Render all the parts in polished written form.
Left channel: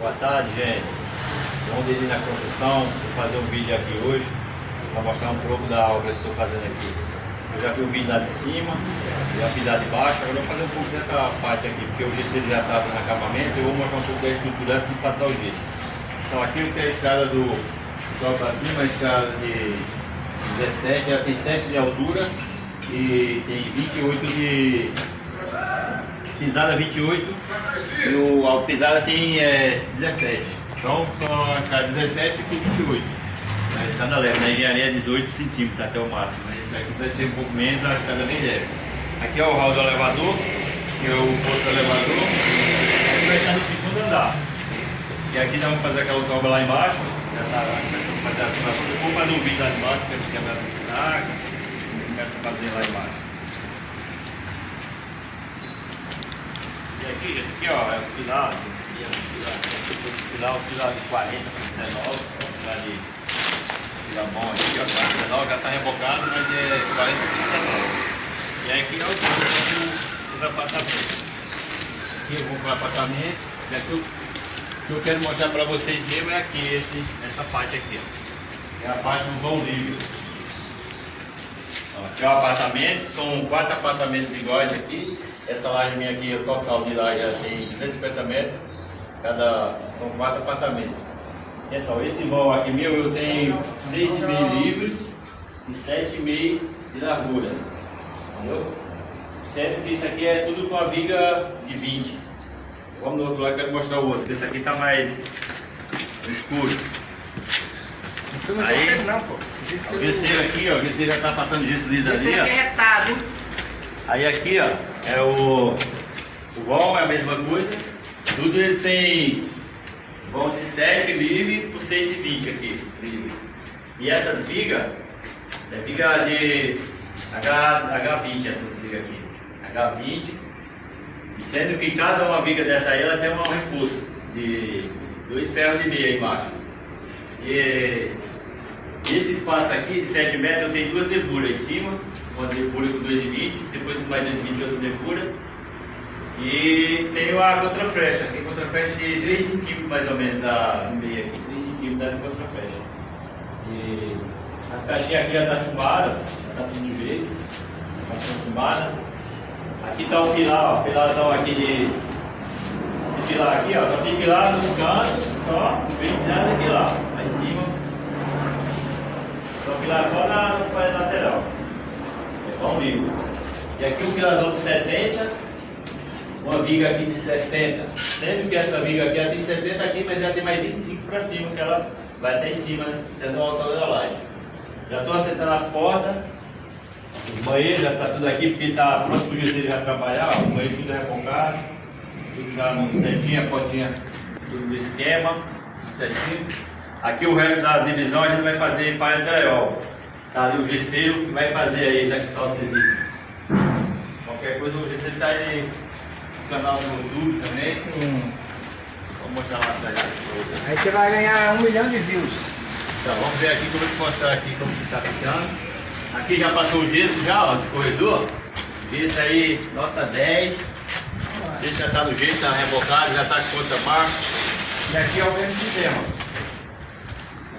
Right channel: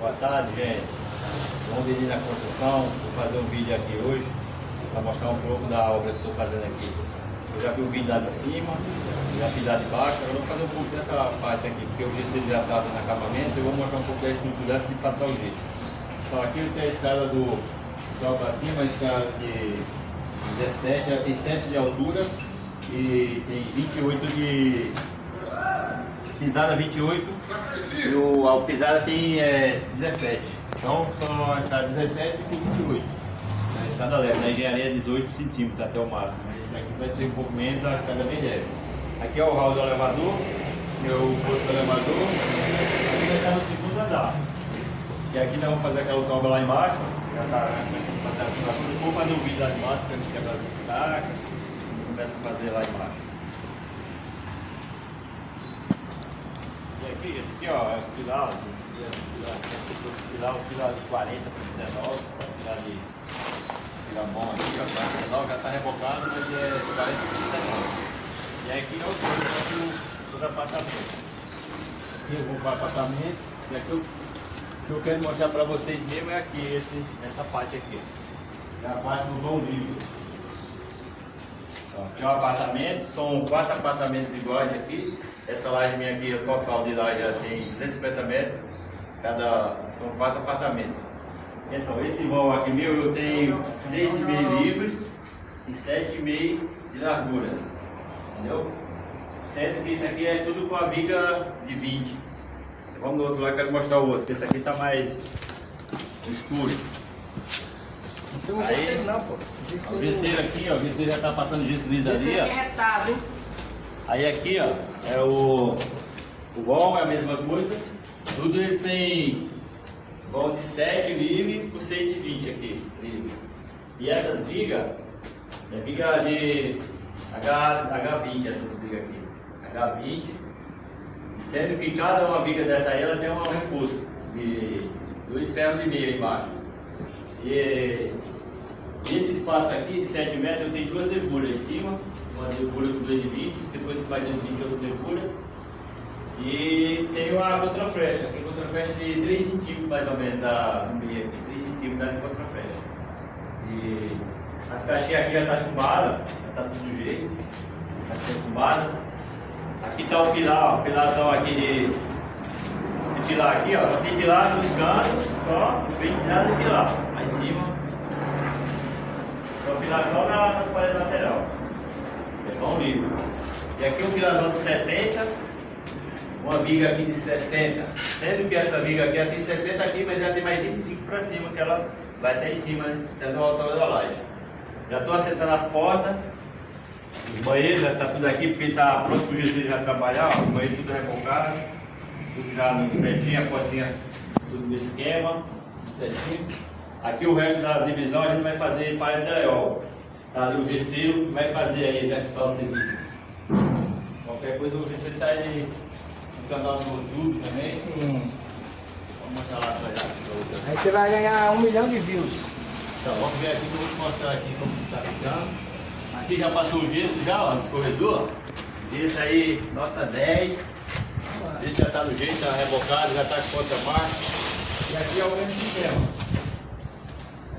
Boa tarde, gente. Vamos ir na construção, vou fazer um vídeo aqui hoje para mostrar um pouco da obra que estou fazendo aqui. Eu já vi um vídeo lá de cima, já fiz lá de baixo, agora eu vou fazer um pouco dessa parte aqui, porque o gesso já está no acabamento, eu vou mostrar um pouco da estrutura antes de passar o gesso. Então aqui tem a escada do sol para cima, a escada de 17, ela tem 7 de altura e tem 28 de pisada 28 e a pisada tem 17. Então só a escada 17 e 28. A escada leve, na engenharia é 18 centímetros até o máximo, né? Isso aqui vai ser um pouco menos, a escada bem leve. Aqui é o hall do elevador, que é o posto do elevador. Aqui vai estar no segundo andar. E aqui nós vamos fazer aquela obra lá embaixo. Já está começando a fazer a afirmação. Vou fazer um vídeo lá embaixo, temos que quebrar essa estaca. A gente começa a fazer lá embaixo. Aqui, gente, aqui ó, é o pilar de 40 para 19, pilar de pilar bom aqui, ó, 19 já está rebocado, mas é 40 para 19. E aqui é os apartamentos. Aqui eu vou para o apartamento, e aqui o que eu quero mostrar para vocês mesmo é aqui, essa parte aqui. É a parte do vão livre. Então, aqui é o apartamento, são 4 apartamentos iguais aqui. Essa laje minha aqui, o total de laje já tem 250 metros, são 4 apartamentos. Então, esse vão aqui meu, eu tenho 6,5 livres e 7,5 de largura, entendeu? Sendo que isso aqui é tudo com a viga de 20. Vamos no outro lado, quero mostrar o outro, que esse aqui está mais escuro. Não filma gesso não, pô. O gesseiro aqui, ó, o gesseiro já está passando gesso liso ali, ó. Gesseiro aqui é retado. Aí aqui, ó, é o vão, é a mesma coisa. Tudo eles têm vão de 7 livre por 6,20 aqui, livre. E essas vigas, é viga de H20, essas vigas aqui. H20. Sendo que cada uma viga dessa aí, ela tem um reforço de 2 ferros de meia embaixo. E esse espaço aqui de 7 metros eu tenho 2 devuras em cima, uma devura com 2,20, depois com mais 2,20 outra devura. E tem uma contraflecha, tem contraflecha de 3 centímetros mais ou menos no meio aqui, 3 centímetros da contraflecha. E as caixinhas aqui já estão chumbadas, já está tudo do jeito, já está chumbada. Aqui está o pilar, ó, pilarzão aqui de. Esse pilar aqui, ó, só tem pilar nos cantos, só, não tem nada de pilar, lá em cima. Só pilar só nas paredes laterais. É bom livre. E aqui um pilarzão de 70, uma viga aqui de 60. Sendo que essa viga aqui ela tem 60 aqui, mas ela tem mais 25 para cima, que ela vai até em cima, né? Até no altura da laje. Já estou acertando as portas. O banheiro já está tudo aqui porque está pronto para o gesseiro já trabalhar, ó, o banheiro tudo rebocado, tudo já no certinho, a portinha tudo no esquema, certinho. Aqui o resto das divisões a gente vai fazer para interior. Está ali o gesseiro que vai fazer aí, executar o serviço. Qualquer coisa o gesseiro está aí no canal do YouTube também. Sim. Vou mostrar lá atrás depois. Aí você vai ganhar 1 milhão de views. Então vamos ver aqui que eu vou te mostrar aqui como que está ficando. Aqui já passou o gesso já, ó, do escorredor. Gesso aí, nota 10. O gesso já está no jeito, está rebocado, já está com conta marca. E aqui é o mesmo sistema.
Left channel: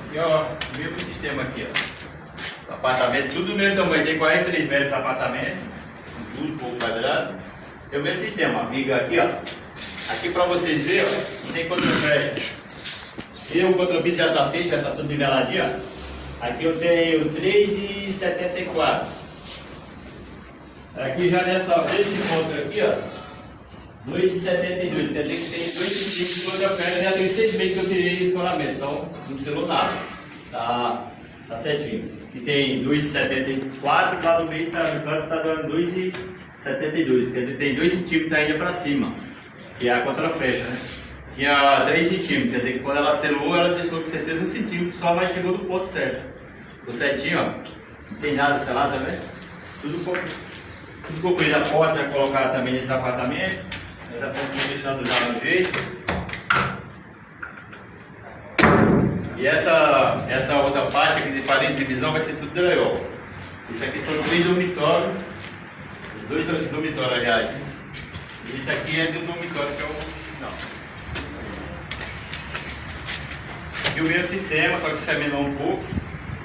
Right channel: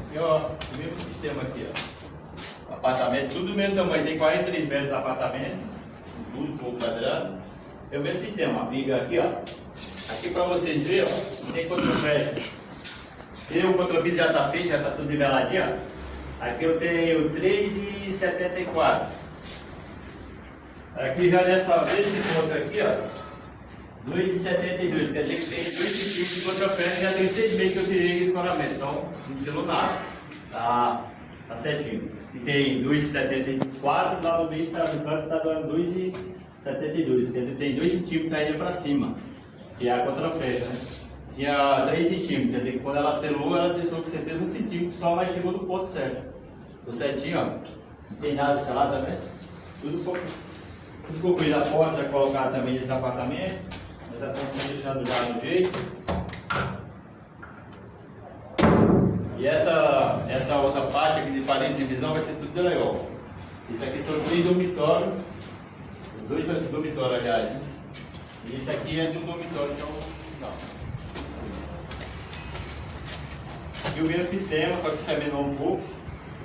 Aqui é o mesmo sistema aqui, ó. O apartamento, tudo do mesmo tamanho, tem 43 metros de apartamento, tudo um pouco quadrado. Tem o mesmo sistema, a viga aqui, ó. Aqui para vocês verem, ó, tem contraflecha. E o contrapiso já está feito, já está tudo niveladinho, ó. Aqui eu tenho 3,74. Aqui já desse ponto aqui, ó, 2,72. Quer dizer que tem 2 centímetros de contraflecha, já tem 6 meses que eu tirei de escolamento, então não precisou nada. Tá certinho. E tem 2,74 e lá no meio no canto está dando 2,72. Quer dizer, tem 2 centímetros ainda para cima, que é a contraflecha, né? Tinha 3 centímetros, quer dizer que quando ela selou, ela deixou com certeza 1 centímetro só, mas chegou no ponto certo. Ficou certinho, ó. Não tem nada selado também. Tudo concluído. A porta já colocaram também nesse apartamento. Já estamos deixando já no jeito. E essa outra parte aqui de parede de divisão vai ser tudo drywall. Isso aqui são 3 dormitórios. Os 2 dormitórios, aliás. E isso aqui é do dormitório que é o final. aqui o mesmo sistema, só que isso é menor um pouco.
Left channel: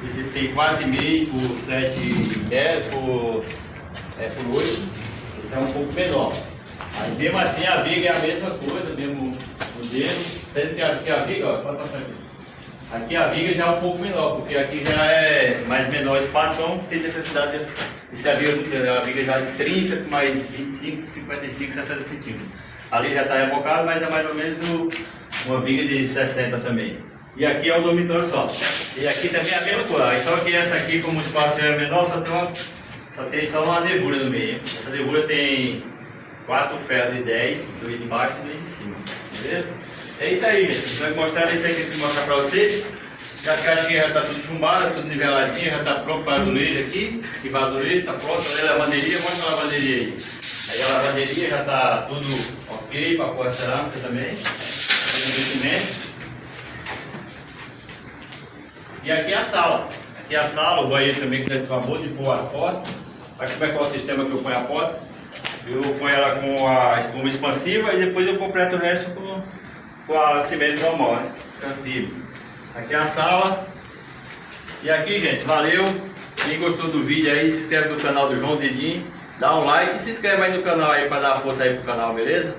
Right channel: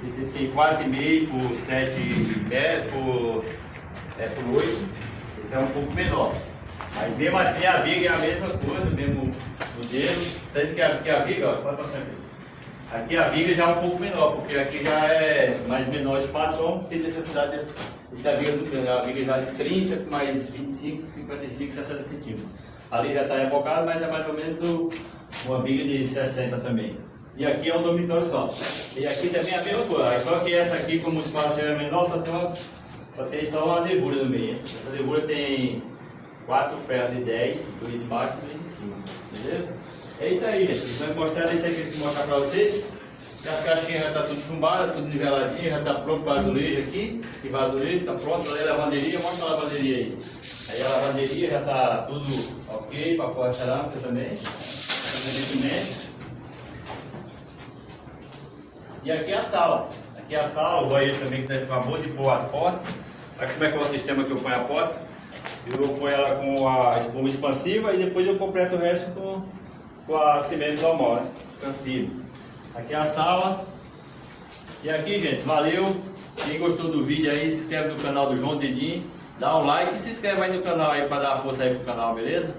Esse tem 4,5 por 7 por 8. Esse é um pouco menor. Mas mesmo assim a viga é a mesma coisa, mesmo modelo. Sendo que aqui a viga, ó, pode passar aqui. Aqui a viga já é um pouco menor, porque aqui já é mais menor espaço, não tem necessidade de ser a viga muito grande. É uma viga já de 30 com mais 25, 55, 60 centímetros. Ali já está rebocado, mas é mais ou menos uma viga de 60 também. E aqui é um dormitório só. E aqui também é a mesma coisa. Só que essa aqui, como o espaço é menor, só tem uma nervura no meio. Essa nervura tem 4 ferros de 10, 2 embaixo e 2 em cima. Beleza? É isso aí, gente. A gente vai mostrar isso aí que eu vou mostrar pra vocês. E as caixinhas já tá tudo chumbada, tudo niveladinho, já tá pronto para azulejo aqui. Que vai azulejo, tá pronto. Olha a lavanderia, mostra a lavanderia aí. Aí a lavanderia já tá tudo ok para pôr a cerâmica também. Investimento. E aqui é a sala. Aqui é a sala, o banheiro também que você acabou de pôr as portas. Aqui como é que é o sistema que eu ponho a porta. Eu ponho ela com a espuma expansiva e depois eu completo o resto com a cimento normal, né? Fica firme. Aqui é a sala. E aqui, gente, valeu. Quem gostou do vídeo aí, se inscreve no canal do João Denim. Dá um like e se inscreve aí no canal aí para dar força aí pro canal, beleza?